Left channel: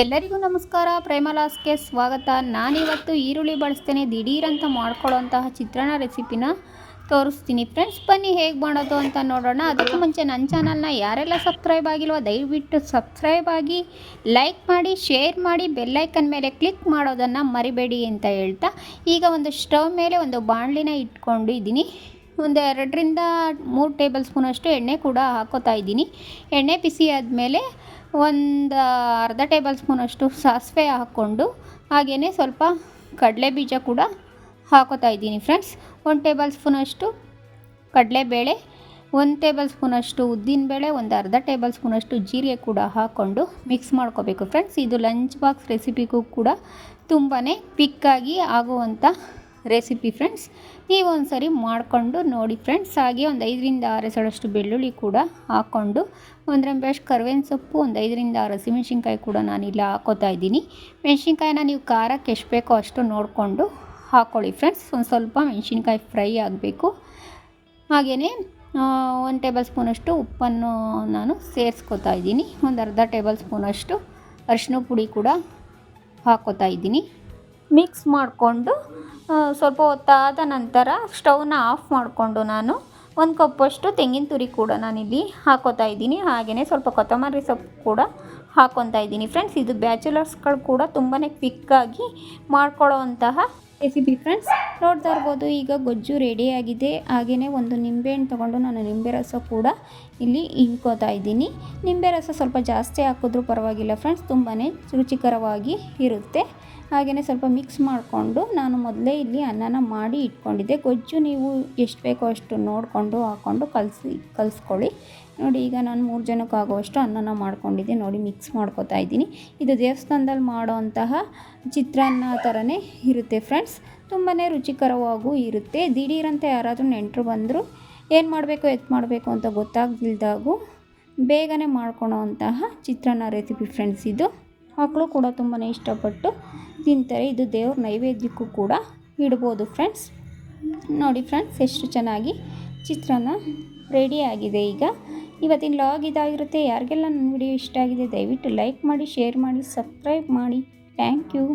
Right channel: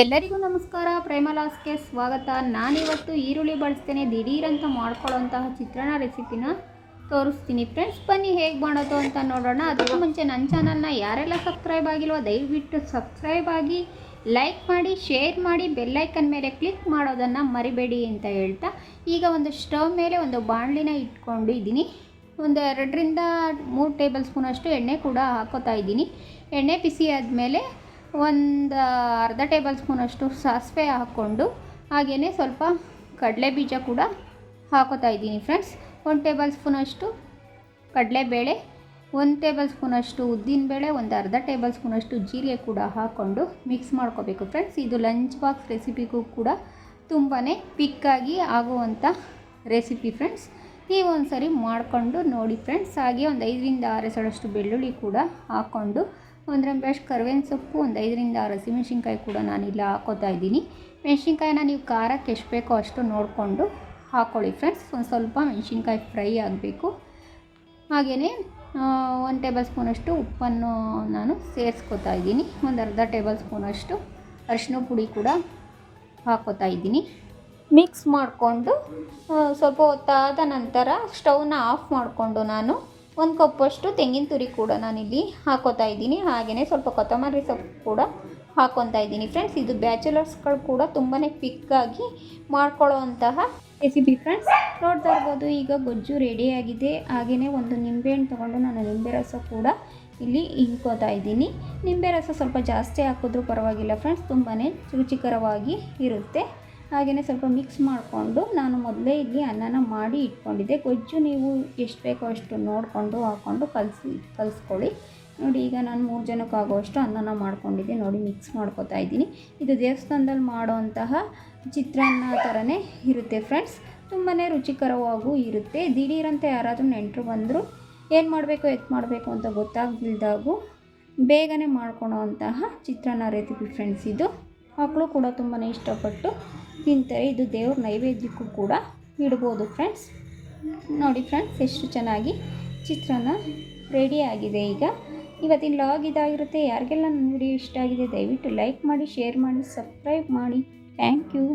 ಎಲ್ಲರಿಗೂ ನಮಸ್ಕಾರ. ಪ್ರೇಮಲಾಸ್ಗೆ ಸ್ವಾಗತ. ನಾನಿವತ್ತು ಈರುಳ್ಳಿ ಬಳಸ್ತೇನೆ. ದಿಢೀರಂತ ಮಾಡ್ಕೊಳ್ಳೋಂತಹ ಚಿತ್ರಾನ್ನ ರೆಸಿಪಿನ ತೋರಿಸ್ತೀನಿ. ಫ್ರೆಂಡ್ಸ್, ಬನ್ನಿ ಹೇಗೆ ಮಾಡೋದು ಅಂತ ನೋಡೋಣ. ಅದಕ್ಕೂ ಮುಂಚೆ ನನ್ನ ಚಾನಲ್ನ ಯಾರೆಲ್ಲ ಸಬ್ಸ್ಕ್ರೈಬ್ ಆಗಿಲ್ವೋ, ದಯವಿಟ್ಟು ಸಬ್ಸ್ಕ್ರೈಬ್ ಆಗಿ ಲೈಕ್ ಮಾಡಿ, ಶೇರ್ ಮಾಡಿ ಬೆಲ್ಲೈಕನ್ ಮೇಲೆ ಕ್ಲಿಕ್ ಮಾಡೋದನ್ನು ಮರಿಬೇಡಿ ಅಂತ ಹೇಳ್ತಾ ಈಗ ಒಂದು ಸ್ಟವ್ ಮೇಲೆ ಒಂದು ಬಾಣಲಿನ ಇಟ್ಕೊಂಡಿದ್ದೀನಿ. ಒಂದು ಎರಡರಿಂದ ಮೂರು ಟೇಬಲ್ ಸ್ಪೂನಷ್ಟು ಎಣ್ಣೆ ಕೂಡ ಹಾಕೋತಾ ಇದ್ದೀನಿ. ಎಣ್ಣೆ ಬಿಸಿ ಆದಮೇಲೆ ಒಂದು ಅರ್ಧ ಟೇಬಲ್ ಸ್ಪೂನಷ್ಟು ಸಾಸಿವೆ ಹಾಕ್ಕೊಂಡು ಹಾಗೆಯೇ ಸ್ವಲ್ಪ ಕಡಲೆ ಬೀಜ ಕೂಡ ಹಾಕೋತಾ ಇದ್ದೀನಿ ಫ್ರೆಂಡ್ಸ್ ಒಂದು ಟೇಬಲ್ ಸ್ಪೂನಷ್ಟು ಕಡಲೆಬೇಳೆ, ಒಂದು ಟೇಬಲ್ ಸ್ಪೂನಷ್ಟು ಉದ್ದಿನಬೇಳೆ, ಒಂದು ಅರ್ಧ ಟೇಬಲ್ ಸ್ಪೂನಷ್ಟು ಜೀರಿಗೆ ಕೂಡ ಹಾಕ್ಕೊಂಡು ಮಿಕ್ಸ್ ಮಾಡ್ಕೋಬೇಕು ಫ್ರೆಂಡ್ಸ್ ಇದು ಲಂಚ್ ಬಾಕ್ಸ್ ರೆಸಿಪಿಗೂ ಕೂಡ ತುಂಬಾ ಪಿಕ್ಕಾಗಿ ಆಗುವಂಥ ರೆಸಿಪಿ ಫ್ರೆಂಡ್ಸ್ ನೀವು ಒಂದು ಸರಿ ಮಾಡಿಕೊಂಡು ನೋಡಿ ಫ್ರೆಂಡ್ಸ್, ಹಾಗೆ ಒಂದು ಐದರಿಂದ ಆರು ಎಸಳಷ್ಟು ಬೆಳ್ಳುಳ್ಳಿ ಕೂಡ ಹಾಕ್ಕೊಂಡು ಒಂದು ರೆಂಬೆಷ್ಟು ಕರ್ವೇನ ಸೊಪ್ಪು, ಒಂದು ಐದರಿಂದ ಆರು ಹಸಿಮೆಣ್ಸಿನ್ಕಾಯಿ ಕೂಡ ನಾನಿಲ್ಲ ಹಾಕೋತಾ ಇದ್ದೀನಿ. ಮೆಣಸಿನ್ಕಾಯಿನ ನೀವು ಖಾರಕ್ಕೆ ಎಷ್ಟು ಬೇಕೋ ಅಷ್ಟು ನೋಡಿಕೊಂಡು ಹಾಕ್ಕೊಳ್ಳಿ ಫ್ರೆಂಡ್ಸ್, ಒಂದು ಸ್ವಲ್ಪ ಮೆಣಸಿನ್ಕಾಯಿ ಫ್ರೈ ಆಗಬೇಕು. ಹಾಗೆಯೇ ಒಂದು ಟೇಬಲ್ ಸ್ಪೂನಷ್ಟು ಉಪ್ಪನ್ನು ನಾನು ಸೇರಿಸ್ಕೊತಾ ಇದ್ದೀನಿ. ಒಂದು ಅರ್ಧ ಟೇಬಲ್ ಸ್ಪೂನಷ್ಟು ಅರಿಶಿನ ಪುಡಿ ಕೂಡ ಹಾಕೋತಾ ಇದ್ದೀನಿ. ಮಿಕ್ಸ್ ಮಾಡಿಕೊಂಡು ಸ್ವಲ್ಪ ಹೊತ್ತಾದ ನಂತರ ಸ್ಟವ್ನ ಆಫ್ ಮಾಡಿಕೊಂಡು ನಾನು ಒಂದು ಕಪ್ಪಷ್ಟು ತೆಂಗಿನ ತುರಿ ಕೂಡ ನಾನಿಲ್ಲಿ ಹಾಕೋತಾ ಇದ್ದೀನಿ. ಹಾಗೆಯೇ ಸ್ವಲ್ಪ ಕೊತ್ತಂಬರಿ ಸೊಪ್ಪು ಕೂಡ ಹಾಕೊತಾ ಇದ್ದೀನಿ. ಫ್ರೆಂಡ್ಸ್, ಇದು ಬ್ಯಾಚುಲರ್ಸ್ಗಳು ಕೂಡ ತುಂಬಾ ಕ್ವಿಕ್ಕಾಗಿ ಮಾಡ್ಕೊಳ್ಳೋವಂತಹ ರೆಸಿಪಿ ಫ್ರೆಂಡ್ಸ್. ನೋಡ್ತಾ ಇರ್ಬೋದು, ಈಗ ಗೊಜ್ಜು ರೆಡಿಯಾಗಿದೆ ಹಾಗೆಯೇ ಒಂದು ನಿಂಬೆಹಣ್ಣು ತೊಗೊಂಡು ನಾನು ನಿಂಬೆ ರಸ ಕೂಡ ಇಲ್ಲಿ ಇಳ್ಕೋತಾ ಇದ್ದೀನಿ. ನಿಂಬೆ ರಸ ಸ್ವಲ್ಪ ಜಾಸ್ತಿ ಹಾಕಿದ್ರೂ ಪರವಾಗಿಲ್ಲ ಫ್ರೆಂಡ್ಸ್ ತುಂಬಾ ರುಚಿಕರವಾಗಿ ಇರುತ್ತೆ. ಹಾಗೆಯೇ ಸ್ವಲ್ಪ ಮಿಕ್ಸ್ ಮಾಡಿಕೊಂಡು ನಾನು ಮೊದಲೇ ಇಲ್ಲಿ ಅನ್ನನ ಮಾಡಿ ಇಟ್ಕೊಂಡಿದ್ದೆ. ಗೊಜ್ಜು ನೀವು ಎಷ್ಟು ಬೇಕೋ ಅಷ್ಟು ನೋಡಿಕೊಂಡು ಹಾಕ್ಕೊಂಡು ಕಲಸಿ, ಕಲಿಸ್ಕೊಳ್ಳಿ. ನೋಡಿ, ಈಗ ನಾನು ಮೂರು ಜನಕ್ಕೆ ಆಗುವಷ್ಟು ಅನ್ನನ ಮಾಡ್ಕೊಂಡಿದ್ದೆ. ನೋಡಿ ಮಿಕ್ಸ್ ಮಾಡ್ಕೊತಾ ಇದ್ದೀನಿ. ಇದು ದೇವಸ್ಥಾನದಲ್ಲಿ ಮಾಡೋವಂತಹ ಚಿತ್ರಾನ್ನ ಥರನೇ ಇರುತ್ತೆ ಫ್ರೆಂಡ್ಸ್ ತುಂಬಾ ರುಚಿಕರವಾಗೂ ಇರುತ್ತೆ. ದಿಢೀರಂತೆ ಯಾರಾದರೂ ನೆಂಟರು ಬಂದರೂ ಏನು ಮಾಡಬೇಕು, ಎತ್ ಮಾಡಬೇಕು ಅಂತ ಗೊತ್ತಾಗದಿಲ್ದಾಗೂ ಬೇಗನೆ ಮಾಡ್ಕೊಳೋ ಅಂತಹ ಚಿತ್ರಾನ್ನ ರೆಸಿಪಿ ಫ್ರೆಂಡ್ಸ್ ಇದು. ಮಕ್ಕಳು ಕೂಡ ತುಂಬಾ ಇಷ್ಟಪಟ್ಟು ತಿಂತಾರೆ. ಇದು ದೇವ್ರ ನೈವೇದ್ಯಕ್ಕೂ ಕೂಡ ಇಡ್ಬೋದು ಫ್ರೆಂಡ್ಸ್. ನೋಡಿ ಫ್ರೆಂಡ್ಸ್, ಎಷ್ಟು ಚೆನ್ನಾಗಿ ಚಿತ್ರಾನ್ನ ರೆಡಿ ಆಗಿದೆ ಈಗ. ಇವತ್ತಿನ ಲಾಗ್ ಇದಾಗಿರುತ್ತೆ. ಯಾರಿಗೆಲ್ಲ ನನ್ನ ವಿಡಿಯೋ ಇಷ್ಟ ಆಗಿದೆ, ದಯವಿಟ್ಟು ಲೈಕ್ ಮಾಡಿ, ಶೇರ್ ಮಾಡಿ, ಸಬ್ಸ್ಕ್ರೈಬ್ ಮಾಡಿ. Thank you.